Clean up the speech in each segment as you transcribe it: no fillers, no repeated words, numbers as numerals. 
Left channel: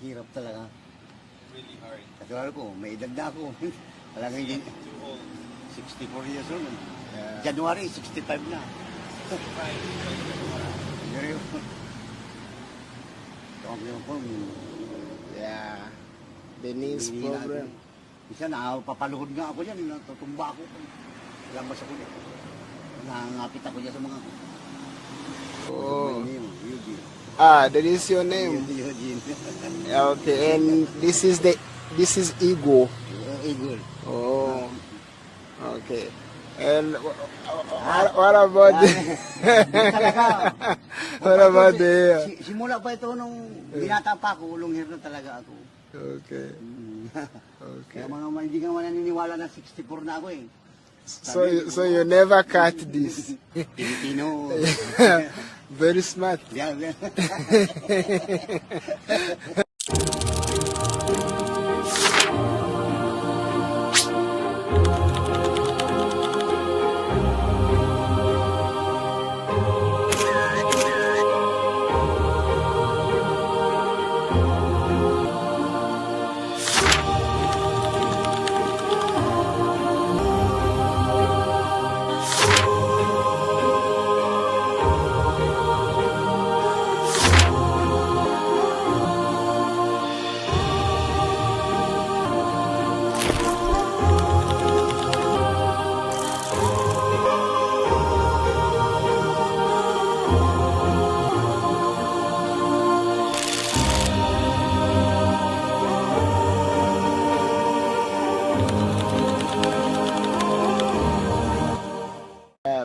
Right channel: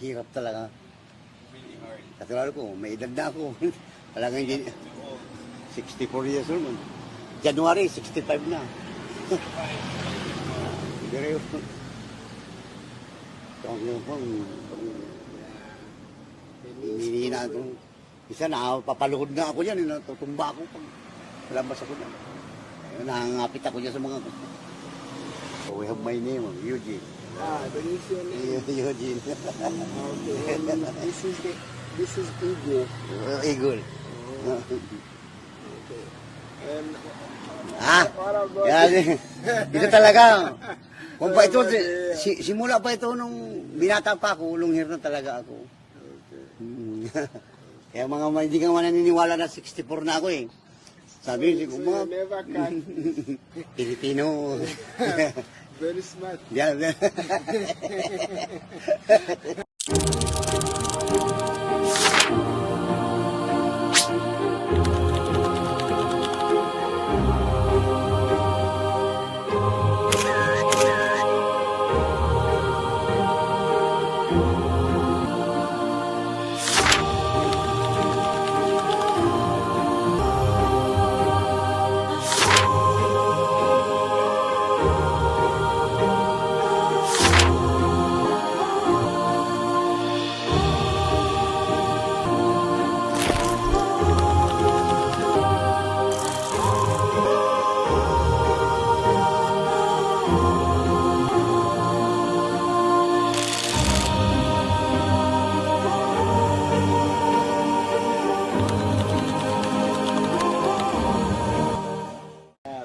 hirap talaga. Really hard. Katulad ko, may edad na ako. Talagang Too old. 64 years old. Yeah. January, 65 na. Pero, Yeah. The knees hinihina ako. problem. Isa na, papaluhod nga ako yan. Natutumba ako pag lalabas ako yan. Nangangapit ako dyan sa mga ko. Oh. My name, Eugene. Ah, that is your name. Eugene. Okay, and this is Ego. Eagle. Oh. Okay. And Ah, what about Ito talaga. Kung What pa ito, about the- simula pa ito nung binata pa ako, long hair na talaga ako. Okay. Kaya mga hindi ka mananiniwala na 64 na ako eh. So you never cut this. Pilipino. Very smart. Yan.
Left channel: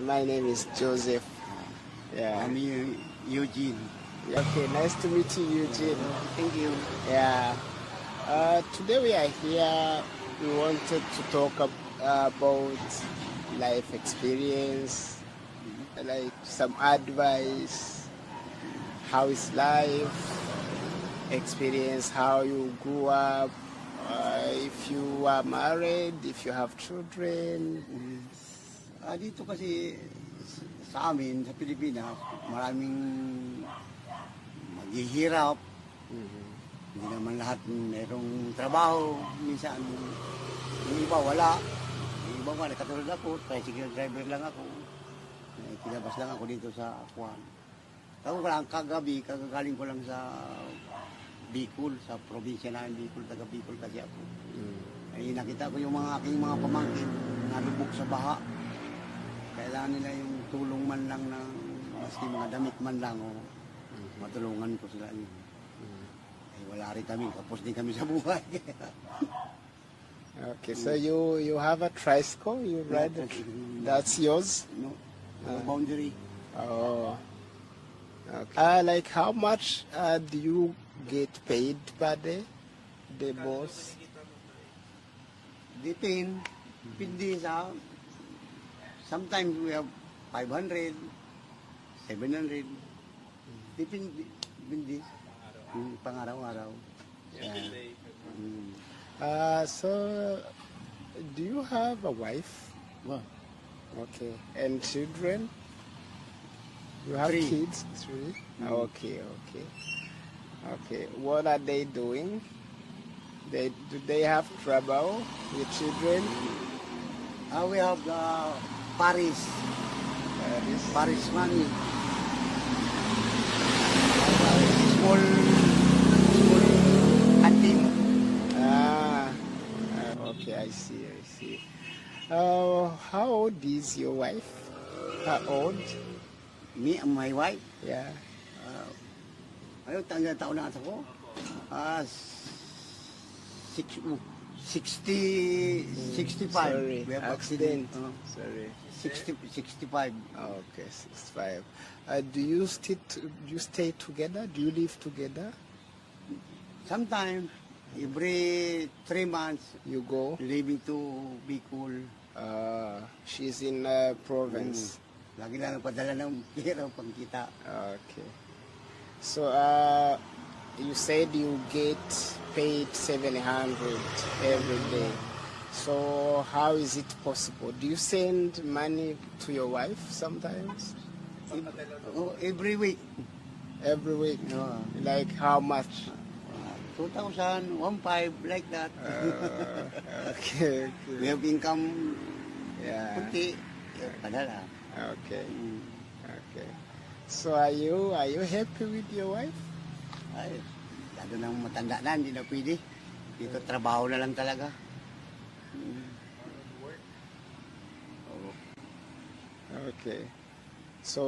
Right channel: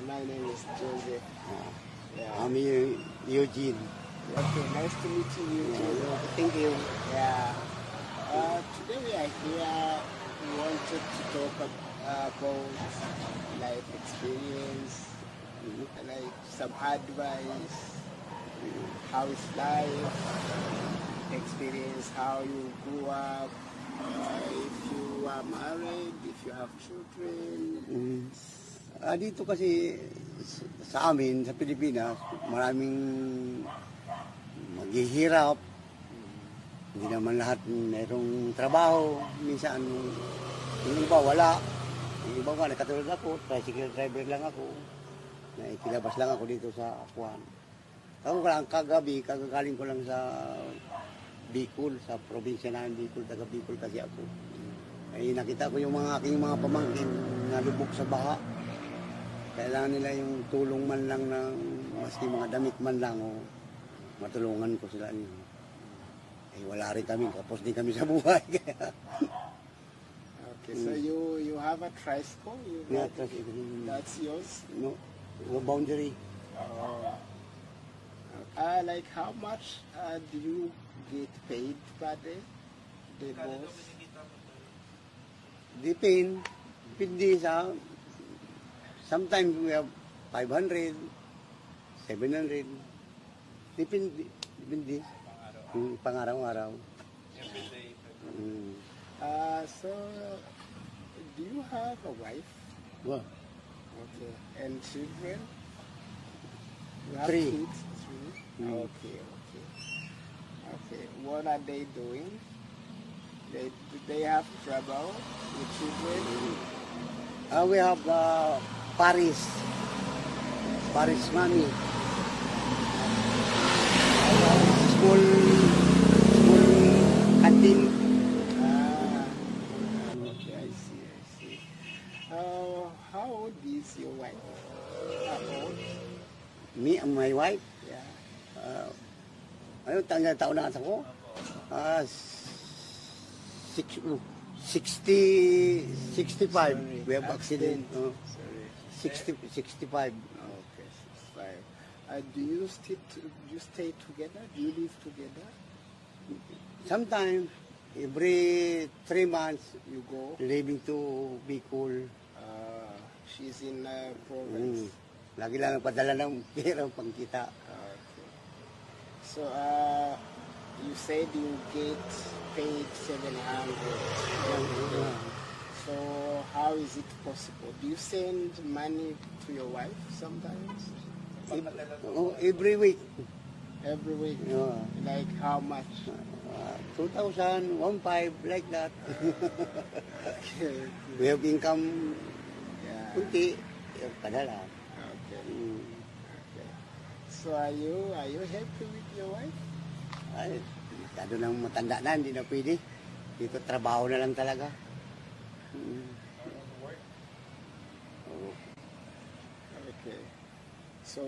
My name is Joseph. Yeah. I'm Eugene. Okay, nice to meet you, Eugene. Thank you. Yeah. Today we are here. We wanted to talk about life experience, like some advice. How is life? Experience how you grew up. If you are married, if you have children. Dito kasi sa amin, sa Pilipinas, maraming maghihirap. Hindi naman lahat mayroong trabaho. Minsan, yung iba wala. Yung iba wala. Katulad ako, tricycle driver lang ako. Nakikilabas lang ako dito sa Akuan. Ako lang kagabi, kagagaling ko lang sa Bicol, sa probinsya na Bicol, taga Bicol kasi ako. Ay nakita ko yung aking mga pamangkin nalubog sa baha. Kailangan nila yung tulong man lang ng maski mga damit man lang o matulungan ko sila. Eh, wala rin kami, kapos din kami sa buhay. Okay, so you have a tricycle, you ride it. That's yours? No, no boundary. Oh. Okay. Like how much do you get paid per day? The boss? Depende sa, sometimes we have 500, 700. Depende. Pang-araw-araw. So do you have a wife? Well, Okay. And children? You have 3. kids? 3? Okay. Okay. What are they doing? Do they have trouble with children? we have Paris Mami. Small canteen. Okay, I see. How old is your wife? How old? Me and my wife. Yeah. Ano taon na ako? 65. Sorry, We have accident. Sorry. 65. Okay, 65. Do you stay together? Do you live together? Sometimes, every 3 months, You go? leaving to Bicol. She's in province. Lagi lang padala ng pera pang kita. Okay. So, you said you get paid 700 every day. So, how is it possible? Do you send money to your wife sometimes? Every week. Every week? Yeah. Like how much? 2,000, 1,500, like that. Okay. We have income, Yeah. kunti, padala. Okay. Mm. Okay. So are you happy with your wife? Ay, masyado nang matanda na, hindi na pwede. Dito, trabaho na lang talaga. Mm. Oo. Okay. So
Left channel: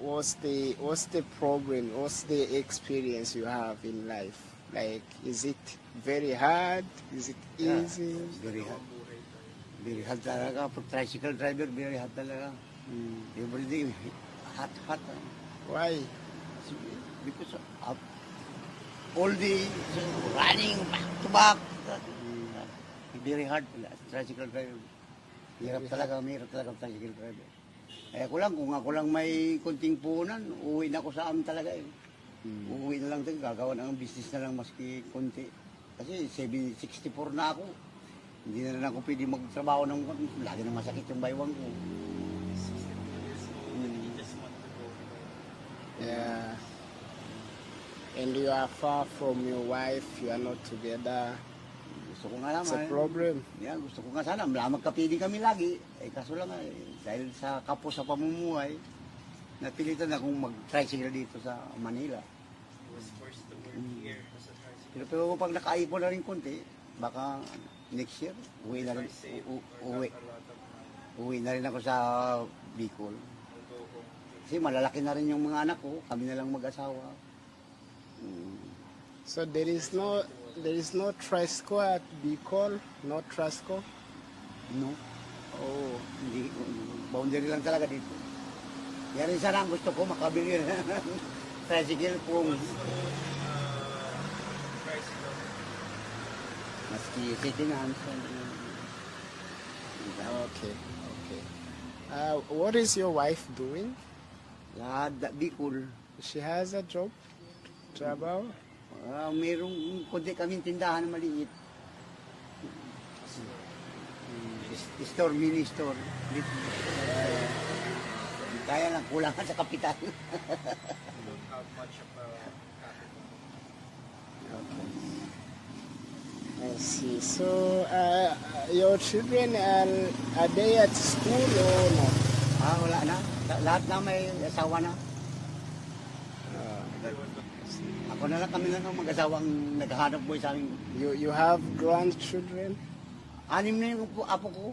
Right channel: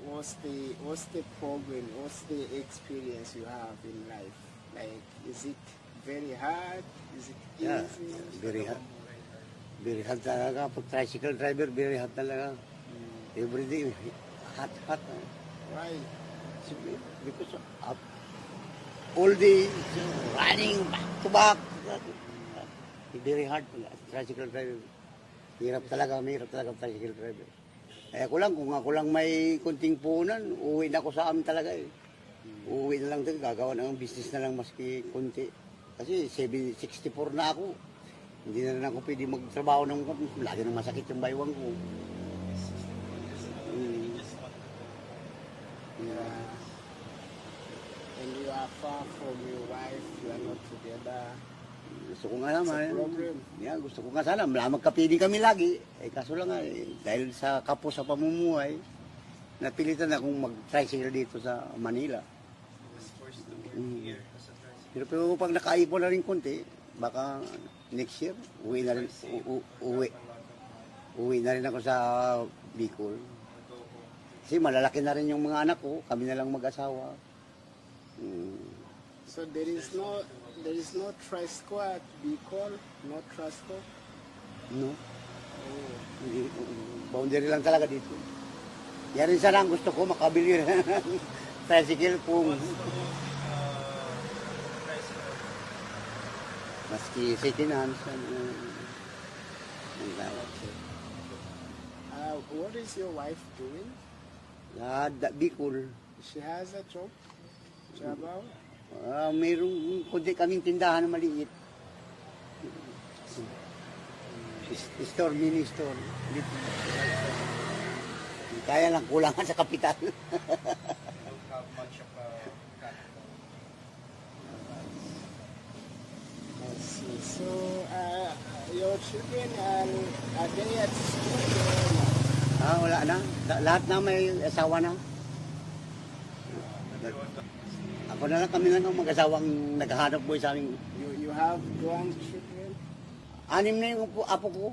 what's the problem? What's the experience you have in life? Like, is it very hard? Is it Yeah, easy? very hard. Very hard talaga. Pag tricycle driver, very hard talaga. Every day, hot. Why? Because all day, running back to back. Very hard. Tricycle driver. Hirap talaga tricycle driver. Eh ako lang, kung ako lang may kunting puhunan, uwi na ako sa amin talaga eh. Uuwi na lang din, gagawa ng business na lang maski kunti. Kasi 64 na ako. Hindi na rin ako pwede magtrabaho ng lagi nang masakit yung baywang ko. Mm. Yeah. And you are far from your wife, you are not together. Gusto ko nga It's a naman. problem. Yeah, gusto ko nga sana. Magkapiling kami lagi. Eh, kaso lang dahil sa kapos sa pamumuhay, napilitan akong mag-tricycle dito sa Manila. Pero pag nakaipon na rin konti, baka next year, uwi na rin, uwi na rin ako sa Bicol. Kasi malalaki na rin yung mga anak ko, kami na lang mag-asawa. So there is no Trisco at Bicol? No Trisco? No? Oh. Hindi, boundary lang talaga dito. Yan rin sana ang gusto ko, makabili rin ng tricycle kung maski second hand. Okay. What is your wife doing? Bicol. She has a job? Trabaho? Mayroong kunti kaming tindahan na maliit. Store, mini store. Dito. Kaya lang, kulang sa kapital. I see. So, your children are they at school or not? Wala na. Lahat na may asawa na. Ako na lang, kami lang ang mag-asawang naghahanap buhay sa amin. You have grandchildren? 6 na yung apo ko.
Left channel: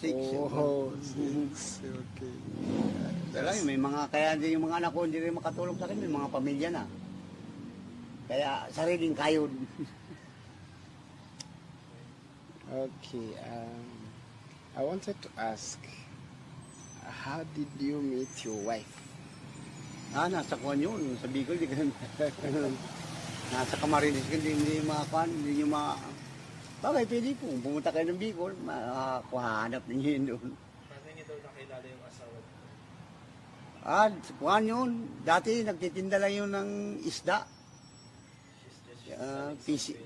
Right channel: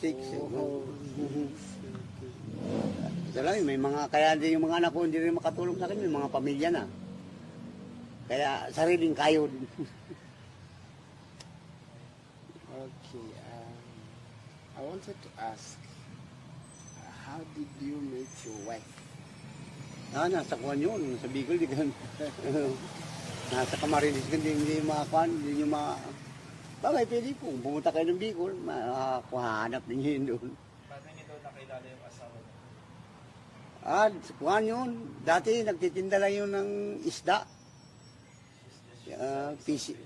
6. Oh, Mhm. okay. Kaya lang, may mga, kaya din yung mga anak ko hindi rin makatulong sa akin, may mga pamilya na. Kaya sariling kayod. Okay. I wanted to ask, how did you meet your wife? Nasa kuwan yun. Sa Bicol, di ka, nasa Camarines, hindi makakuan, hindi nyo ma... Bakit hindi po? Pumunta kayo ng Bicol, makakuhanap ninyo yun doon. Paano niyo daw nakilala yung asawa niyo? Kuhan yun. Dati nagtitinda lang yun ng isda. Fishing.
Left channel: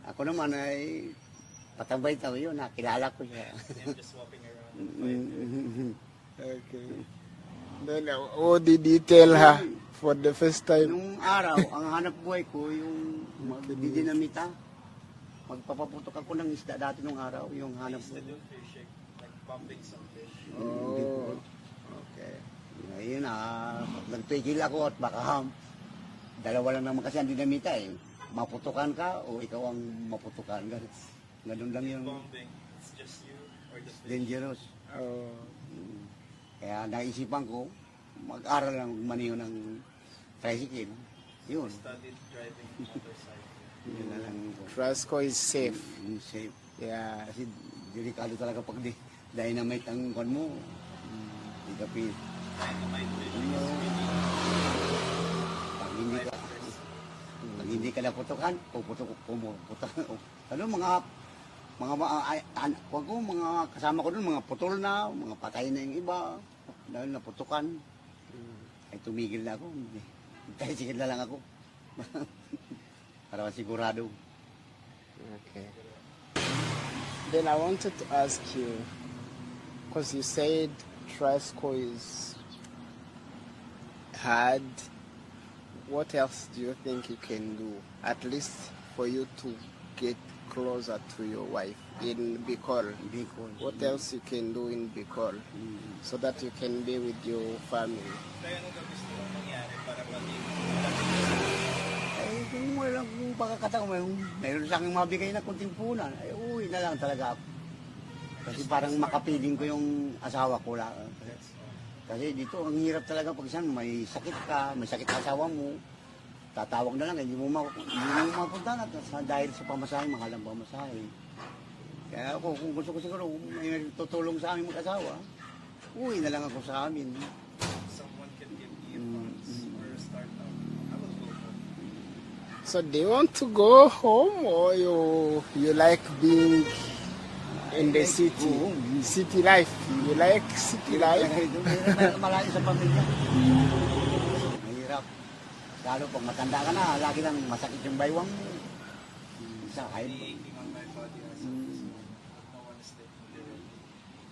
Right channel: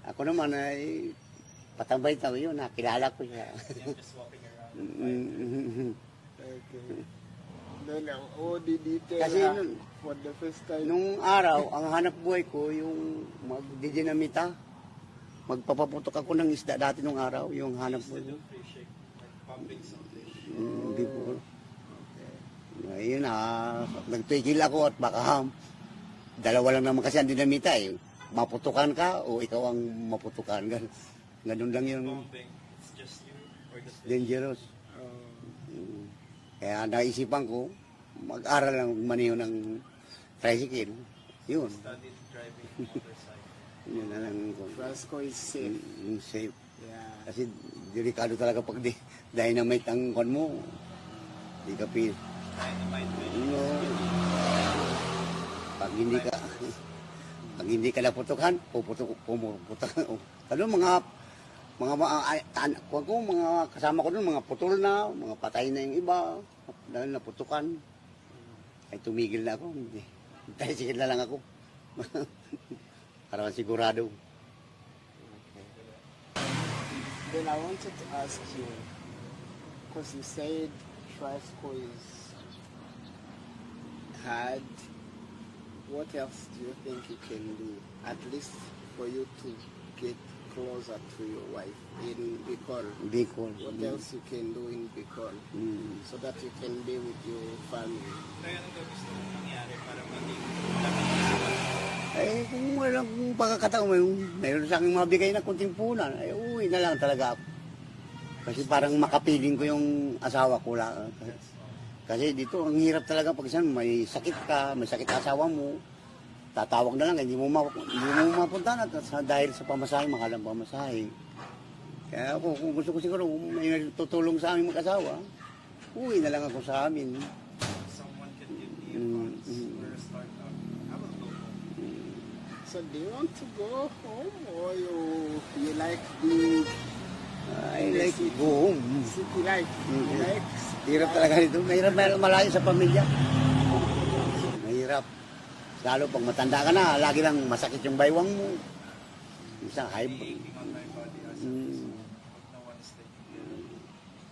Ako naman ay patambay tao yun. Nakilala ko siya. Just walking around. Okay. Then, what did you tell her for the first time? Nung araw, ang hanap buhay ko yung magdidinamita. Magpapaputok ako ng isda dati nung araw, yung hanap buhay ko. Fishing, like pumping something. Hindi po. Ngayon nagpigil ako at baka dalawa lang naman kasi ang dinamita eh. Maputukan ka o ikaw ang maputukan. Ganun lang yun. Pumping, it's just you or the Dangerous. Oh, Kaya naisipan ko, mag-aral lang maniho ng tricycle. Yun. studied driving motorcycle. Yun na lang ko. Frisco is safe. Safe. Yeah. Kasi delikado talaga pag dynamite ang kon mo. Hindi ka pin. Pag hindi ka naputukan, pumuputukan. Ano mga kasama ko doon, mga putol na, mga patay na yung iba, dahil naputukan. Ay tumigil na ako. Tricycle na lang ako. Para sigurado. Okay. Then I wanted to ask you, because you said Trisco is hard, what else do you think you can do, at least for you to get closer to your wife in Bicol? Bicol. What else you can do in Bicol so that you can be with your family? Kaya ano ba gusto mong mangyari para maging Eh, kung walang pagkakataon, mayroon sa akin mabigay na kunting punan, ay uwi na lang talaga ako. Kasi parang makapiling ko yung asawa ko lang. Kasi dito, ang hirap talaga pag isang may sakit ka, may sakit asawa mo, tatawag na lang, hindi mo mapunta na dahil sa pamasahe, mahal ang pamasahe. Kaya ako, kung gusto ko siguro, may tutulong sa aming mag-asawa, uwi na lang ako sa amin. someone can give me Mm, for a start up? I will go. So do you want to go home or you like being in the like city? go home. City life. You like city Hirap life? talaga dito. Mahirap malayo sa pamilya. Mahirap. Lalo pag matanda ka na, lagi lang masakit yung baywang mo. Isang high.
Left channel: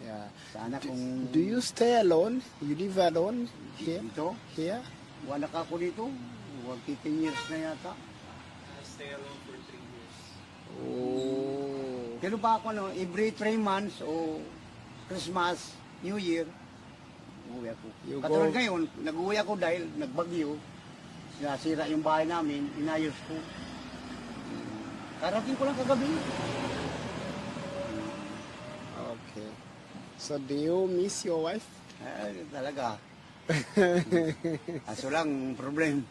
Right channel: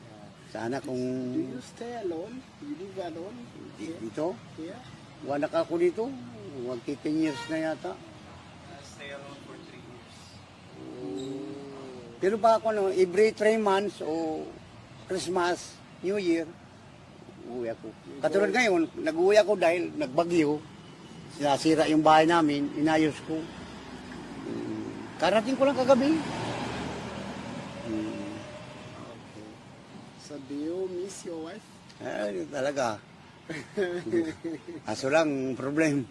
Yeah. Sana kung Do you stay alone? You live alone here? dito, Here? wanak ako dito. 10 years na yata. Stay alone for 3 years. Oh. Pero pa ako, no, every 3 months o Christmas, New Year, uwi ako. You Katulad go- ngayon, nag-uwi ako dahil nagbagyo. Nasira yung bahay namin, inayos ko. Karating ko lang kagabi. Okay. So do you miss your wife? Eh, talaga. Aso lang, problem.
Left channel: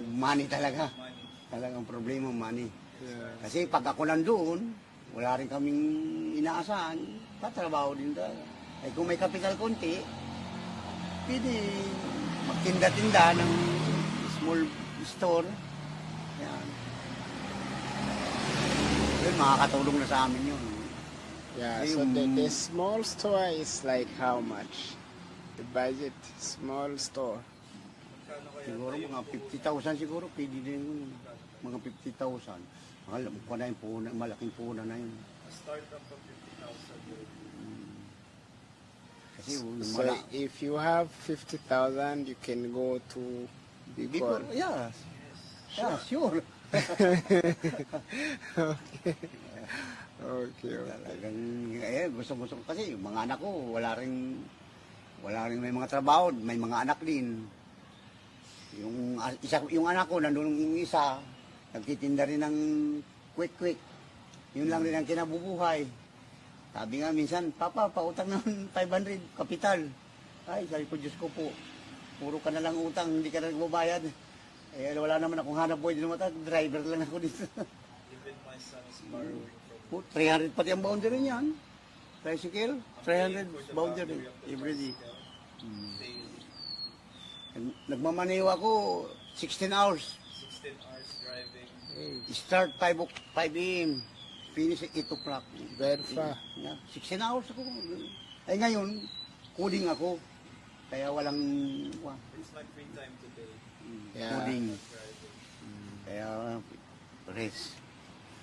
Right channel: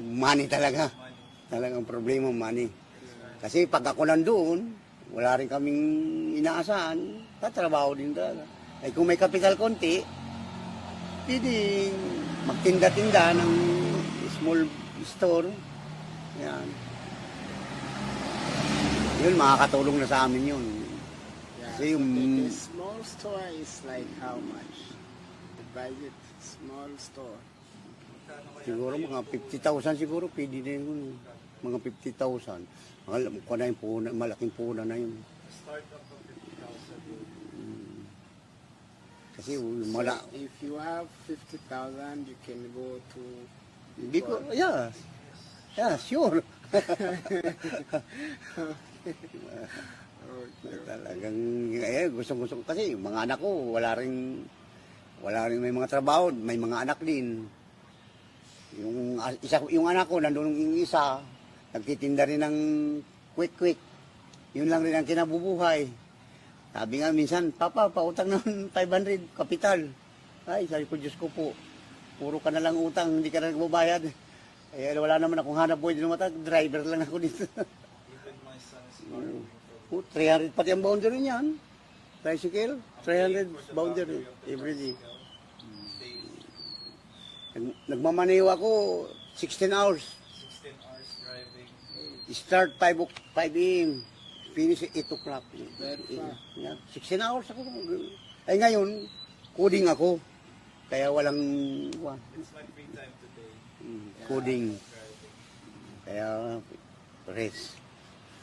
Money talaga. Talagang problema, money. Kasi pag ako nandoon, wala rin kaming inaasahan, tatrabaho din talaga. Eh kung may kapital konti, pwede magtinda-tinda ng small store. Yan. Yun, makakatulong na sa amin yun. Yeah. Hey, So the small store is like how much? The budget, small store. Siguro mga 50,000 siguro, pwede na yun. Mga 50,000. Alam ko na yung puna, malaking puna na yun. Start up of 50,000. Kasi So wala. if you have 50,000, you can go to Bicol, Bicol. yeah. Yeah, sure. Okay. Talagang, gusto ko kasi yung mga anak ko, wala rin may mga trabaho, may mga anak din. Yung anak ko, nandun yung isa, nagtitinda rin ng quick. Yun lang rin ang kinabubuhay. Sabi nga minsan, Papa, pautang ng 500, kapital. Ay, sabi ko, Diyos ko po, puro ka na lang utang, hindi ka na nagbabayad. Eh, wala naman akong hanap buhay din mata, driver lang ako dito. Even my son is borrowing from 300 pati ang boundary niyan. Tricycle, 300 boundary every day. Nagmamaneho ako 16 hours. 16 hours driving. Start 5 a.m. Finish 8 o'clock. Very far. 16 hours ako. Ay ngayon, coding ako. Kaya walang It's my free time today. Yeah. coding. Kaya rest.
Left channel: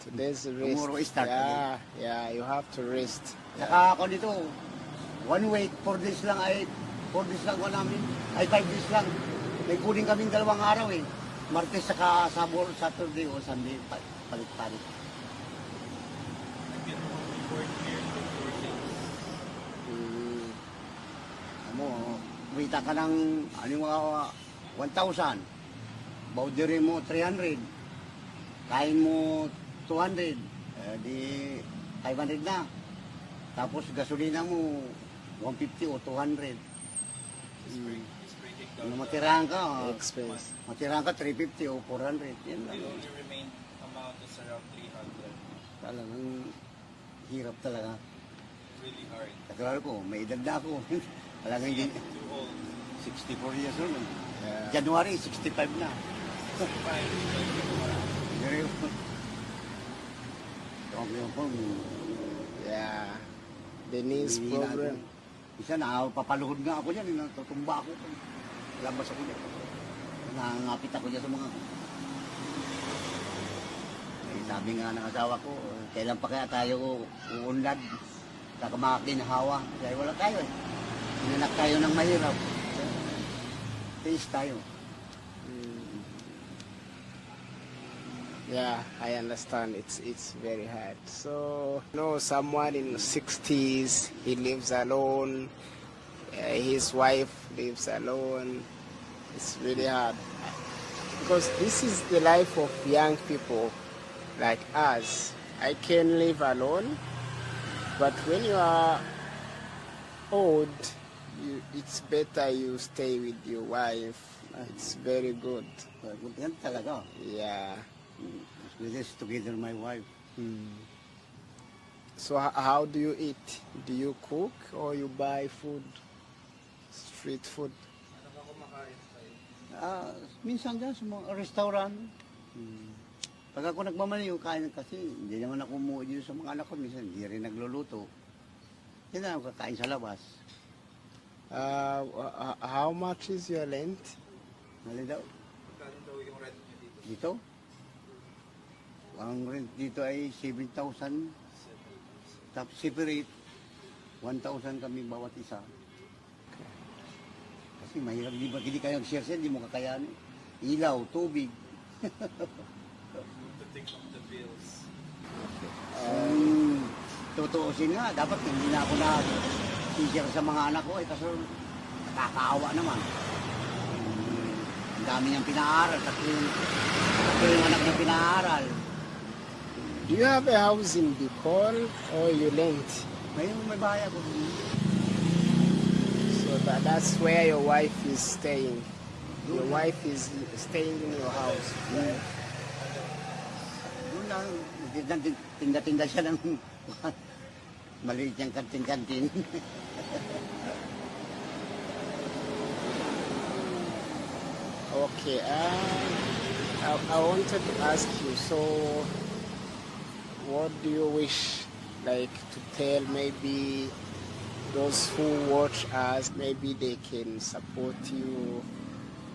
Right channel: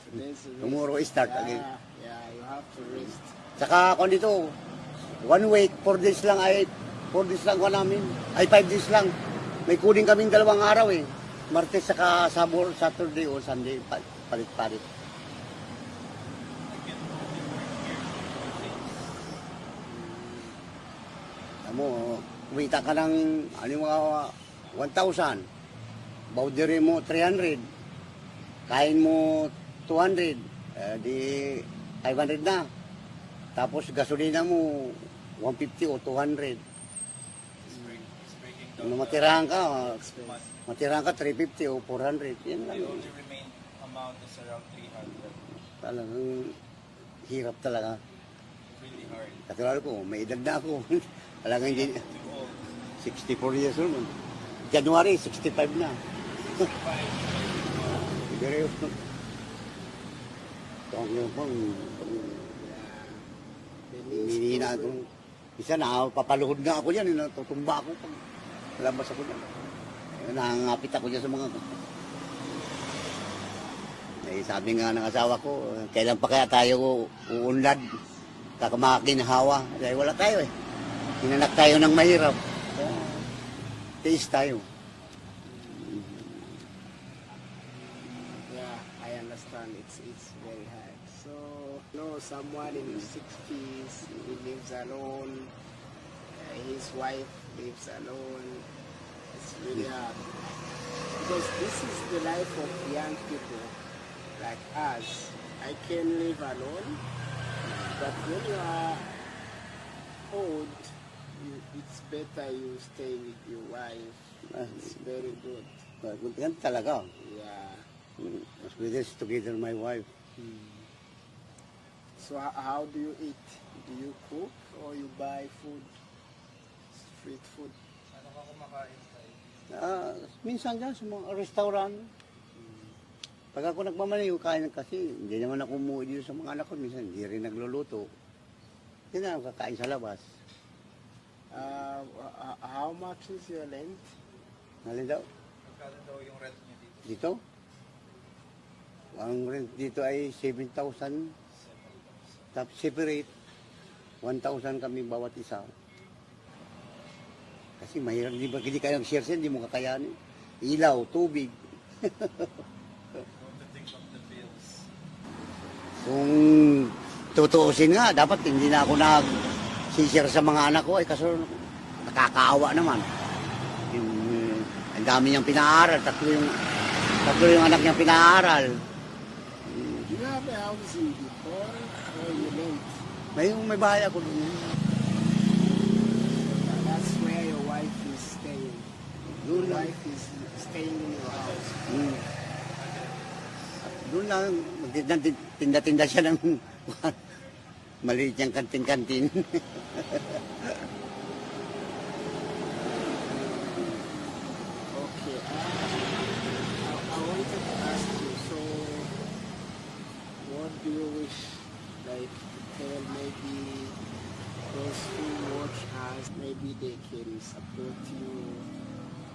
Today's rest. Tomorrow start yeah, again. Yeah, you have to rest. Saka ako dito, 1 week, 4 days lang ay 4 days lang ko namin. Ay 5 days lang. May coding kaming 2 araw eh. Martes saka Sabor, Saturday o Sunday, palit-palit. Alam mo, kumita ka ng, mga 1,000. Boundary mo 300. Kain mo 200. Di 500 na. Tapos gasolina mo 150 o 200. He's breaking down. Ano matirahan ka, Expense. 350 o 400. Yan lang. The remain amount is around 300. Talagang hirap talaga. Really hard. Kakilala ko, may edad na ako. Talagang hindi, Too old. 64 years old. Yeah. January, 65 na. Pero, ito po, Yeah. The knees hindi na ako. problem. Isa na, papaluhod nga ako yan, natutumba ako. Labas ako dyan. Nangangapit ako dyan sa mga ko. Eh, sabi nga ng asawa ko, kailan pa kaya tayo uunlad? Kakamakinhawa. Dahil wala tayo eh. Hinanak tayo ng mahirap. Tiis tayo. Yeah, I understand. It's very hard. So, someone in the 60s, he lives alone. His wife lives alone. It's really hard because this is the life of young people like us. I can live alone, but when you are old, it's better you stay with your wife. It's very good. Yan talaga. Yeah. As with this, together my wife. So how do you eat? Do you cook or you buy food? Street food? Minsan dyan sa mga restaurant. Pag ako nagmamaliw, kain kasi hindi naman ako umuwi dito sa mga anak ko. Minsan hindi rin nagluluto. Yan na ako kakain sa labas. How much is your rent? Malin daw. Magkano daw yung rent niyo dito? Dito? Ang rent dito ay 7,000. Tapos separate, 1,000 kami bawat isa. Kasi mahirap, hindi kayo nag-share, hindi mo kakayanin. Ilaw, tubig. To think of the bills. Kung tutuusin nga, dapat hindi na ako nag-share sa mga anak ko. Kaso nakakaawa naman. Ang dami niyang pinaaral. Tatlo yung anak niyang pinaaral. Do you have a house in Bicol or you rent? May bahay ako. So that's where your wife is staying. Your wife is staying in your house. Doon lang, tinda-tinda siya ng maliit niyang kantin-kantin. Okay. I wanted to ask you, so what do you wish, like, to tell maybe those who watch us, maybe they can support you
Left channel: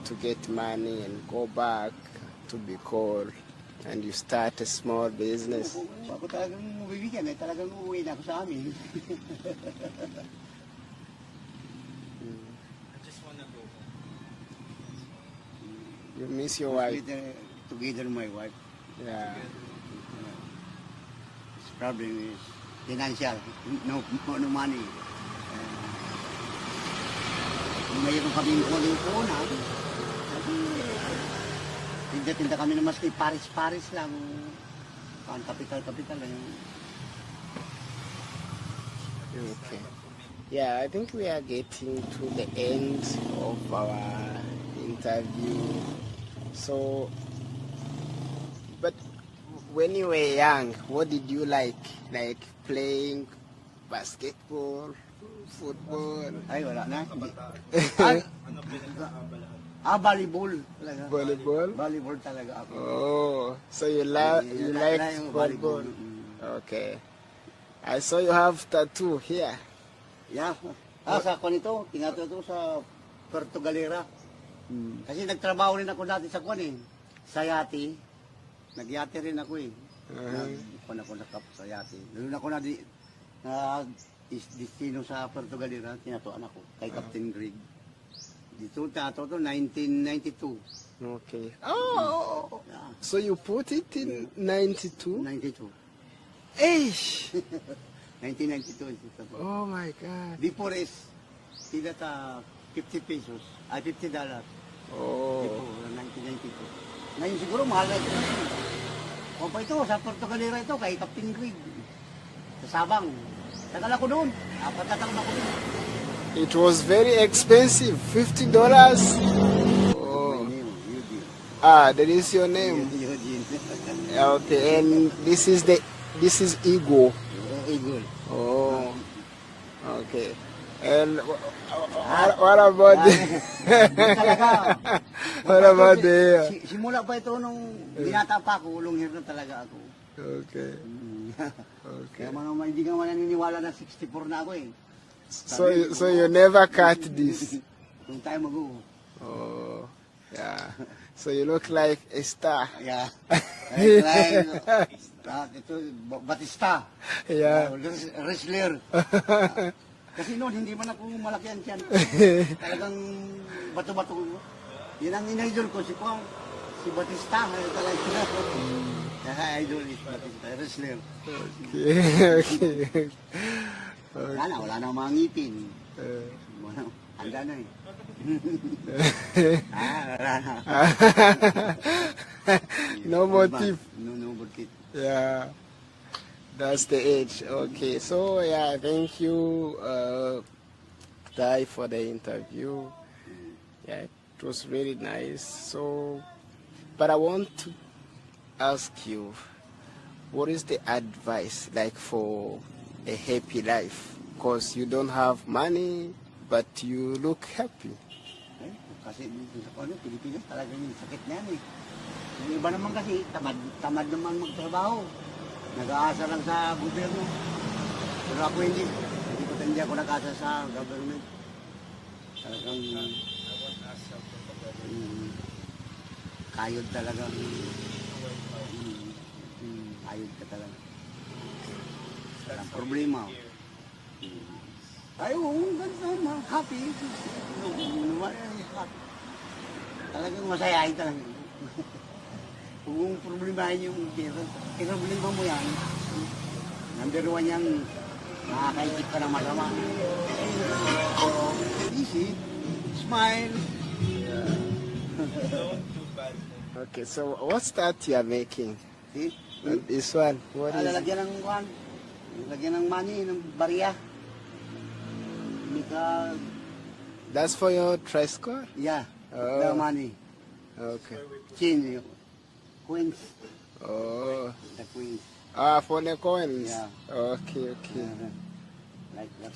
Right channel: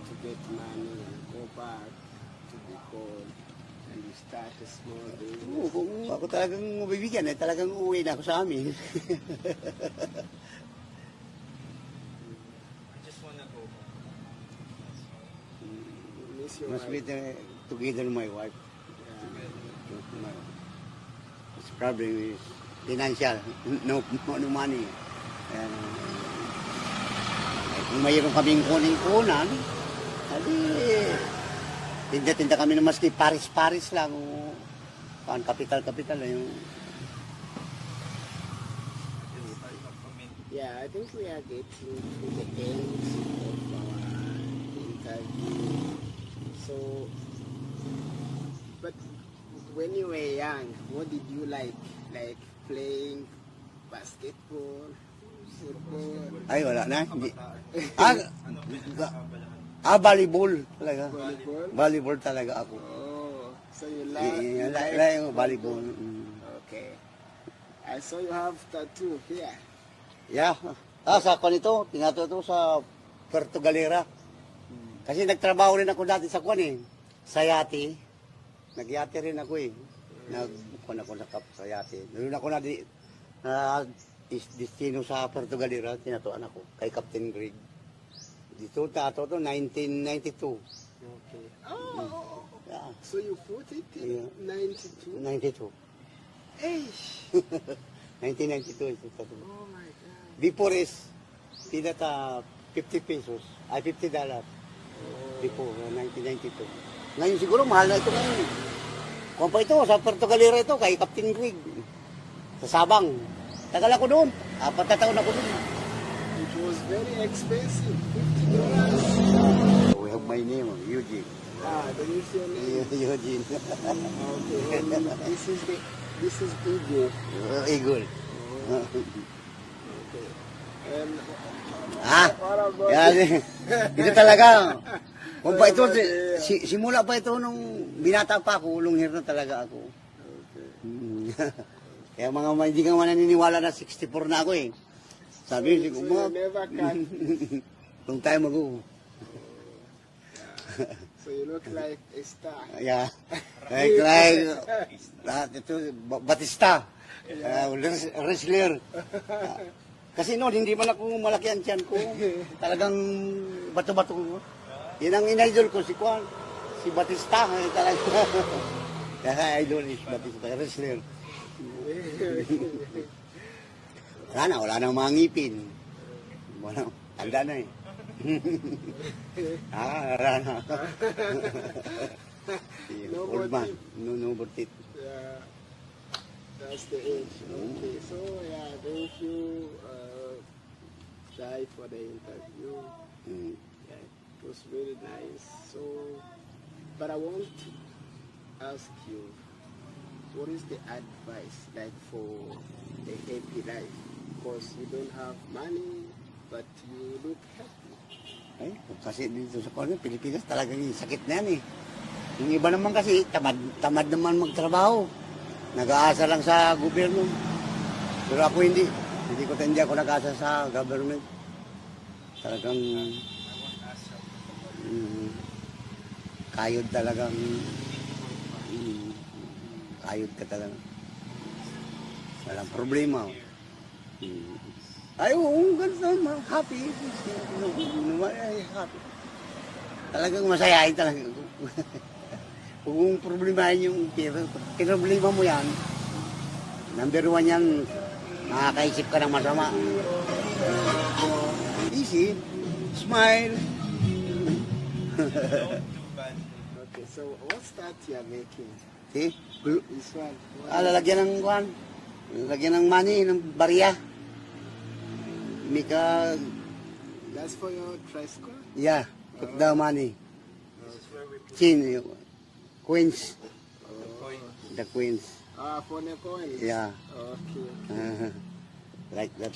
to get money and go back to Bicol and you start a small business? Kung ako talagang mabibigyan, ay talagang uuwi na ako sa amin. I just wanna go back. You miss your wife? Together my wife. Yeah. His problem is financial, no money. Kung mayroon kaming kuning-kunan, sabi, tinda-tinda kami ng maski paris-paris lang. Kapital-kapital lang yung... Okay. Yeah, I think we are getting to the end of our interview. So, but when you were young, what did you like? Like playing basketball, football, Ay, wala na. Hindi. Ano Volleyball talaga. volleyball? Volleyball talaga ako. Oh, so you like yung volleyball. volleyball? Okay. I saw you have tattoo here. Yeah. Sa kwan ito, tinatuto sa Puerto Galera. Kasi nagtrabaho rin ako dati sa kwan eh. Sa yate. Nagyate rin ako eh. Nagkwan ako sa yate. Doon ako na destino sa Puerto Galera, tinatuan ako kay Captain Greg. Dito tato to 1992. Okay. Oh, Yeah. so you put it in 92? 92. Eish! 1992 ito tato. Oh my God. Before is tinata 50 pesos. $50. Oh. Before 1992. Ngayon siguro mahal na ito. Kung pa ito, sa Puerto Galera ito, kay Captain Greg. Sa Sabang. Tagal ako doon. 4 na taon ako doon. It was very expensive, $50. Oh. My name, Eugene. Ah, that is your name. Eugene. Okay, and this is Ego. Eagle. Oh, okay. And Ah, what about Hindi talaga. Kung What pa ito, about the- simula pa ito nung binata pa ako, long hair na talaga ako. Okay. Kaya mga hindi ka mananiniwala na 64 na ako eh. So you never cut this. Long time ago. Oh, yeah. So you look like a star. Yeah. Like, lahat ito, Batista. Yeah. Wrestler. Kasi noon, hindi man ako malaki ang tiyan ko. Talagang bato-bato ko. Yan ang inidol ko, si Kwan. Si Batista. Talaga. Kaya idol is Batista, wrestler. Okay. Wala na mga ngipin. Wala, tanda na eh. Wala na. No more Old man. teeth. No more teeth. Yeah, that's the age. Okay, so yeah, thank you, Dai, for the interview. Mm. Yeah, it was really nice. So, but I want to ask you, what is the advice like for a happy life? Because you don't have money, but you look happy. Eh, kasi dito sa Pilipinas talagang sakit na yan eh. Yung iba naman kasi, tamad naman magtrabaho. Nag-aasa lang sa gobyerno. Pero ako hindi. Hindi ako nag-aasa sa government. Talagang kayod talagang kayod ka talaga. Walang problema. Ay, oo, ganun. Happy. Happy. Talagang masaya ay talaga. Kung problemahin yung problema mo yan, number one yan, makakaisip ka ng masama. Easy, smile. Okay, so what's that you are making? See? This one. What is it? Lalagyan ng kwan. Lalagyan ng money, ng barya. Mika, That's for your tricycle? yeah, Oh. the money. Okay. Chin, queens, Oh. the queens. For the coins? Yeah. Okay, okay. Like that.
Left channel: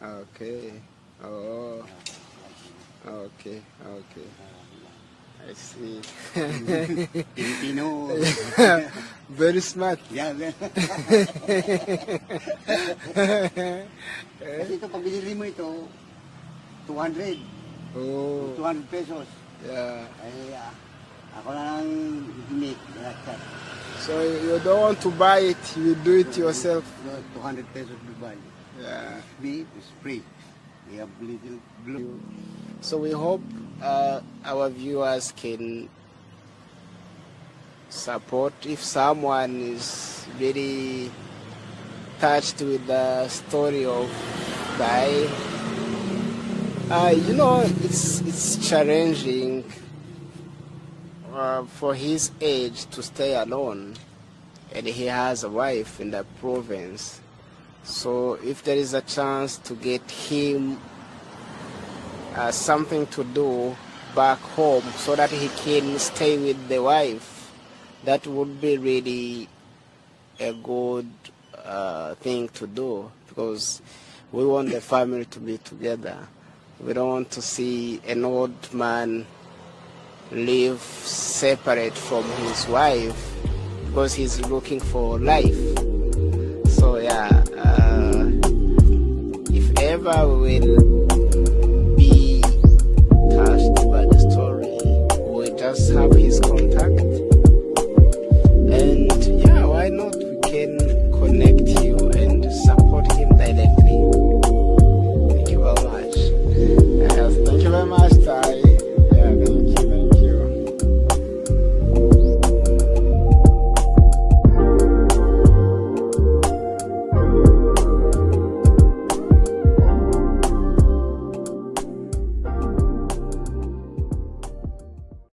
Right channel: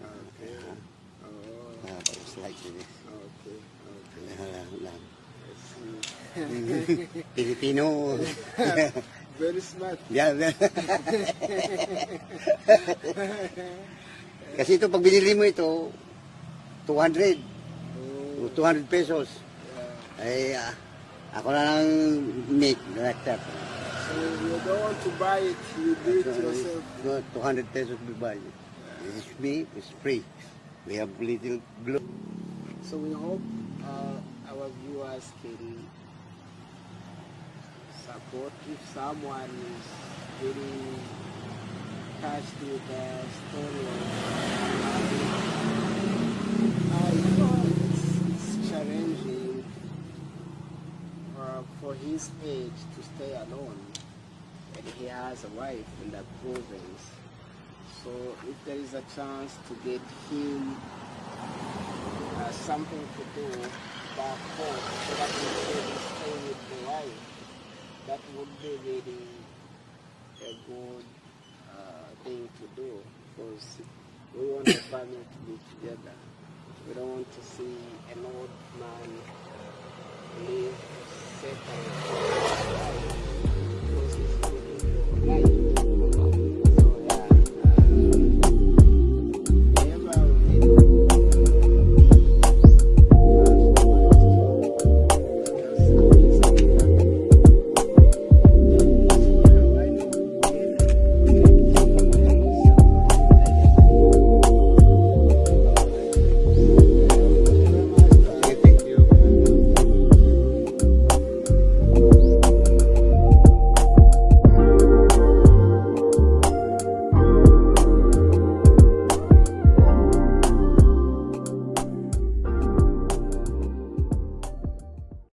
Okay. Oh, It's like this. okay, okay. I see. Filipino. Very smart. Yeah. Kasi ito, pag binili mo ito, 200. Oh, 200 pesos. yeah. Ay, ako na lang make like that. So you don't want to buy it, you do it yourself. No, 200 pesos we buy. Yeah. It's me, it's free. We have little blue. So we hope our viewers can support if someone is very touched with the story of Guy. You know, it's challenging for his age to stay alone, and he has a wife in the province. So if there is a chance to get him something to do back home so that he can stay with the wife, that would be really a good thing to do, because we want the family to be together. We don't want to see an old man live separate from his wife because he's looking for life. So yeah, if ever we